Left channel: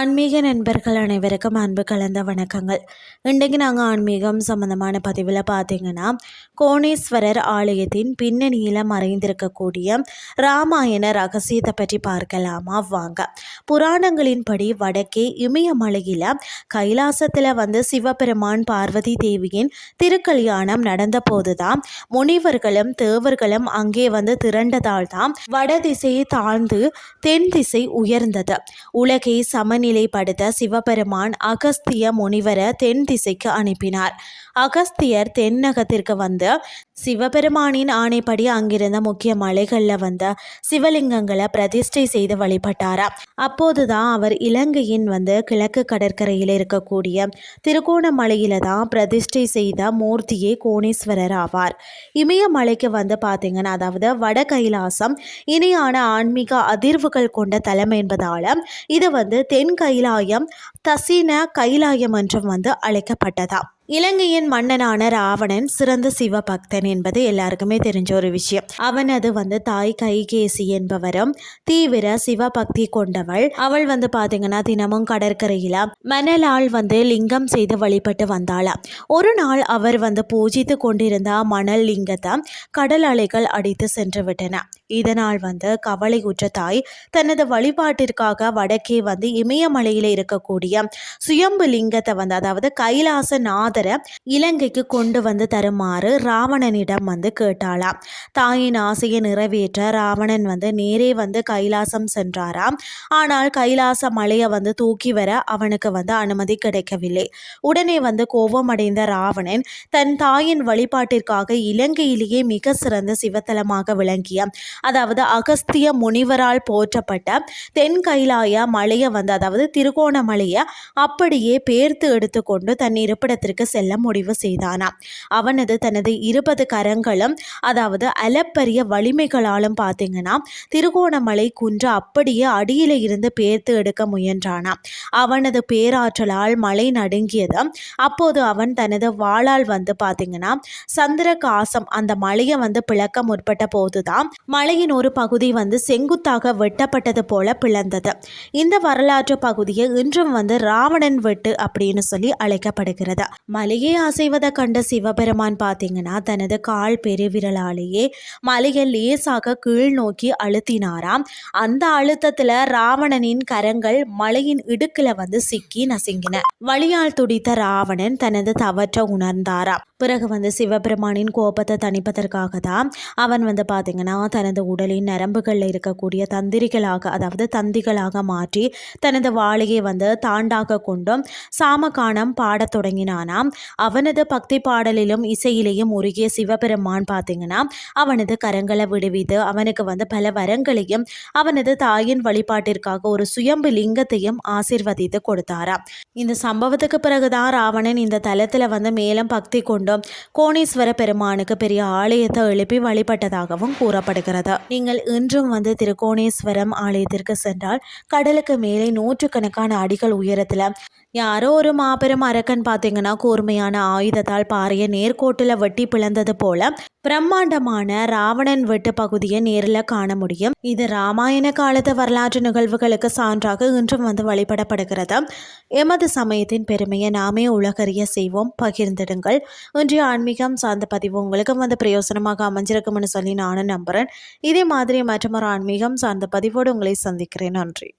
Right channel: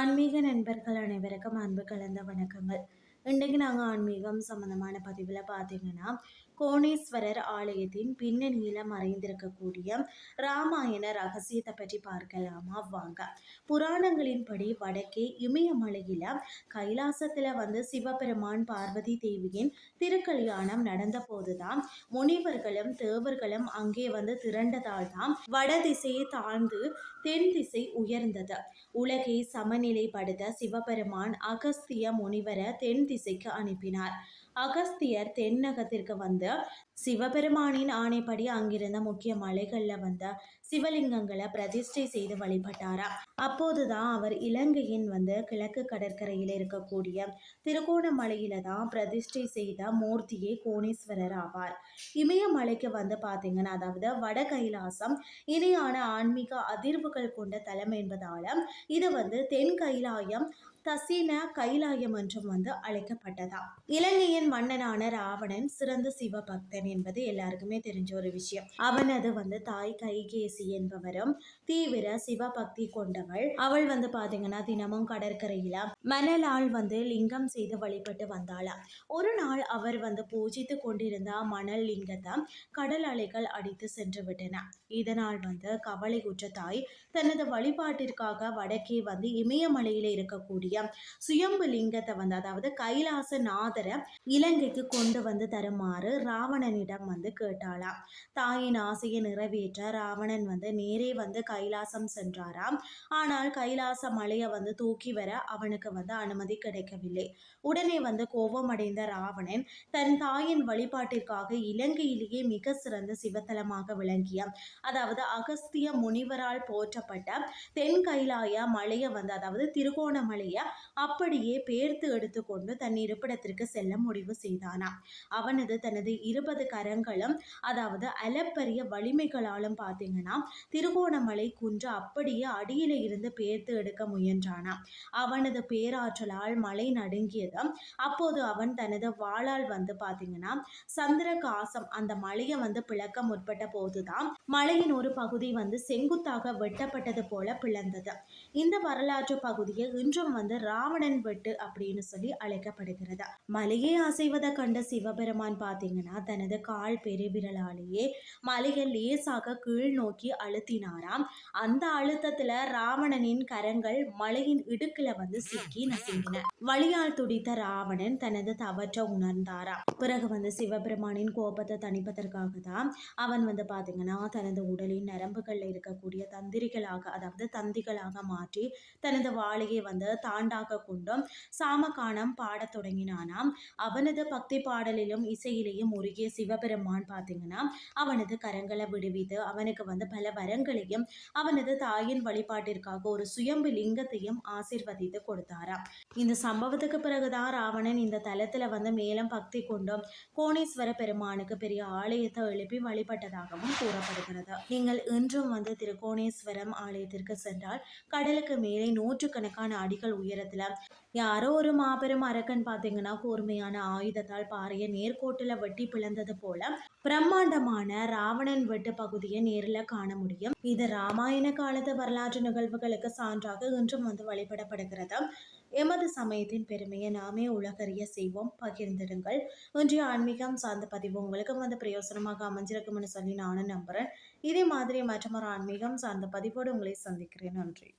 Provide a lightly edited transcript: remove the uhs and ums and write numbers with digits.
ஆன்மீக நண்பர்கள் அனைவருக்கும் அன்பு கலந்த வணக்கங்கள். இன்றைக்கு நாங்கள் ஆன்மீகம் சம்மந்தமான பதிவில் பார்த்தீங்கன்னா, கோணேஸ்வரர் ஆலயத்தின் பின்னணியில் மறைந்திருக்கக்கூடிய ராமாயண ரகசியத்தை பற்றி பார்க்கலாமா வாங்க. புராணங்களின்படி வடக்கே இமயமலையில் கைலாசத்தில் சிவபெருமான் பார்வதி தேவியின் திருக்கல்யாணம் நடந்த போதுதான் முனிவர்களும் தேவர்களும் அங்கே திரண்டதால் தான் வடதிசையை தாழ்ந்து தென் திசை உயர்ந்தது. உலகை சமநிலைப்படுத்த சிவபெருமான் அகஸ்திய முனிவரை தென் திசைக்கு அனுப்பினார். அகஸ்தியர் தென்னகத்திற்கு சிவபெருமானின் ஆணைப்படி அங்கிருந்த முக்கிய மலைகளில் சிவலிங்கங்களை பிரதிஷ்டை செய்து வழிபட்டாரா. அப்போதுதான் அவர் இலங்கையின் கிழக்கு கடற்கரையில் இருக்கக்கூடிய திருகோணமலையில தான் பிரதிஷ்டை செய்த மூர்த்தியே கோணேஸ்வரர் ஆவார். இமயமலைக்கு பார்த்தீங்கன்னா, அதாவது வட கைலாசம் இணையான ஆன்மீக அதிர்வுகள் கொண்ட தலம் என்பதால இது தென் கைலாயம் தசீன கைலாயம் என்றும் அழைக்கப்பட்டதா. இலங்கையின் மன்னனான ராவணன் சிறந்த சிவபக்தன் என்பது எல்லாருக்குமே தெரிஞ்ச ஒரு விஷயம். அவனது தாய் கைகேசி என்பவரும் தீவிர சிவபக்தி கொண்டவள். அவள் பார்த்தீங்கன்னா தினமும் கடற்கரையில மணலால் லிங்கம் செய்து வழிபட்டு வந்தாளாம். ஒரு நாள் அவர் பூஜித்து கொண்டிருந்த மணல் லிங்கத்தை கடல் அலைகள் அடித்து சென்று விட்டன. இதனால் கவலையுற்ற தாய் தனது வழிபாட்டிற்காக வடக்கே இமயமலையில இருக்கக்கூடிய சுயம்பு லிங்கத்தை அதாவது கைலாச நாதரை இலங்கைக்கு கொண்டு தருமாறு ராவணனிடம் கேட்டாளாம். தாயின் ஆசையை நிறைவேற்ற ராவணன் நேரே கைலாசம் சென்றாராம். ஆனால் கைலாச மலையை தூக்கி வர அவனுக்கு அனுமதி கிடைக்கவில்லை. உடனே கோபமடைந்த ராவணன் தன் தாயின் வழிபாட்டிற்காக இலங்கையிலேயே மிக சிறந்த சிவத்தலமாக விளங்கிய அதாவது அகஸ்திய முனிவரால் போற்றப்பட்ட தென் கைலாய மலையை அதாவது திருகோணமலையை அப்படியே பேர்த்து எடுத்துக்கொண்டு தன் இருப்பிடத்திற்கு செல்ல முடிவு செய்தானாம். அவனது தனது 20 கரங்களும் அதாவது அளப்பரிய வலிமைகளாலும் பார்த்தீங்கன்னா திருகோணமலை குன்று அப்படியே அடியில இருந்து பேர்த்து எடுக்க முயன்றானாம். அவனது பேராற்றலால் மலை நடுங்கியது. அப்போது அவன் தனது வாளால் பார்த்தீங்கன்னா சந்திரகாசம் அந்த மலையை பிளக்க முற்பட்ட போதுதான் மலையின் ஒரு பகுதி செங்குத்தாக வெட்டப்பட்டது போல பிளந்தது. இந்த வரலாற்று பகுதியை இன்றும் ராவணன் வெட்டு அப்படின்னு சொல்லி அழைக்கப்படுகிறது. மலையை அசைவதை கண்ட சிவபெருமான் பார்த்தீங்கன்னா தனது கால் பெருவிரலாலேயே மலையை லேசாக கீழ் நோக்கி அழுத்தினாராம். அந்த அழுத்தத்துல ராவணனின் கரங்கள் மலையின் இடுக்குல சிக்கி நசுங்கின. வலியால் துடித்த ராவணன் தனது தவற்றை உணர்ந்தாராம். பிறகு சிவபெருமானின் கோபத்தை தணிப்பதற்காக தான் அவன் பார்த்தீங்கன்னா தனது உடலின் நரம்புகளில் இருக்கக்கூடிய தந்திரிகளாக அதாவது தந்திகளாக மாற்றி தனது வாழையை தாண்டாக கொண்டும் சாமகானம் பாடத் தொடங்கினானாம். அவனது பக்தி பாடலிலும் இசையிலேயும் உருகிய சிவபெருமான் பார்த்தீங்கன்னா அவனது கரங்களை விடுவித்து அவனுக்கு பல வரங்களையும் அவனது தாயின் வழிபாட்டிற்காக ஒரு சுயம்பு லிங்கத்தையும் ஆசீர்வதித்து கொடுத்தாராம். இந்த சம்பவத்துக்கு பிறகுதான் ராவணன் இந்த தலத்தில் மேலும் பக்தி கொண்டும் கோணேஸ்வர பெருமானுக்கு பெரிய ஆலயத்தை எழுப்பி வழிபட்டதாகவும் கூறப்படுகிறது. நீங்கள் இன்றும் திருக்கோணேஸ்வரம் ஆலயத்திற்கு சென்றால் கடலுக்கு மேலே நூற்றுக்கணக்கான அடிகள் உயரத்தில் யாரோ ஒரு மாபெரும் அரக்கன் பார்த்தீங்கன்னா கூர்மையான ஆயுதத்தால் பாறைய நேர்கோட்டில் வெட்டி பிளந்தது போல பிரம்மாண்டமான ராவணன் வெட்டு பகுதியை நேரில் காண முடியும். இது ராமாயண காலத்து வரலாற்று நிகழ்வுகளுக்கு சான்றாக இன்றும் வழிபடப்படுகிறது. எமது சமயத்தின் பெருமையை நாமே உலகறிய செய்வோம். பகிர்ந்திடுங்கள். இன்றைய ஆன்மீகம் சார்ந்த பதிவு உங்களுக்கு பிரயோசனமாக அமைஞ்சிருக்கும்னு சொல்லி நானும் நம்புகிறேன். இதே மாதிரி மற்றொரு ஆன்மீகம் சார்ந்த பதிவோடு உங்களை சந்திக்கிறேன். நன்றி.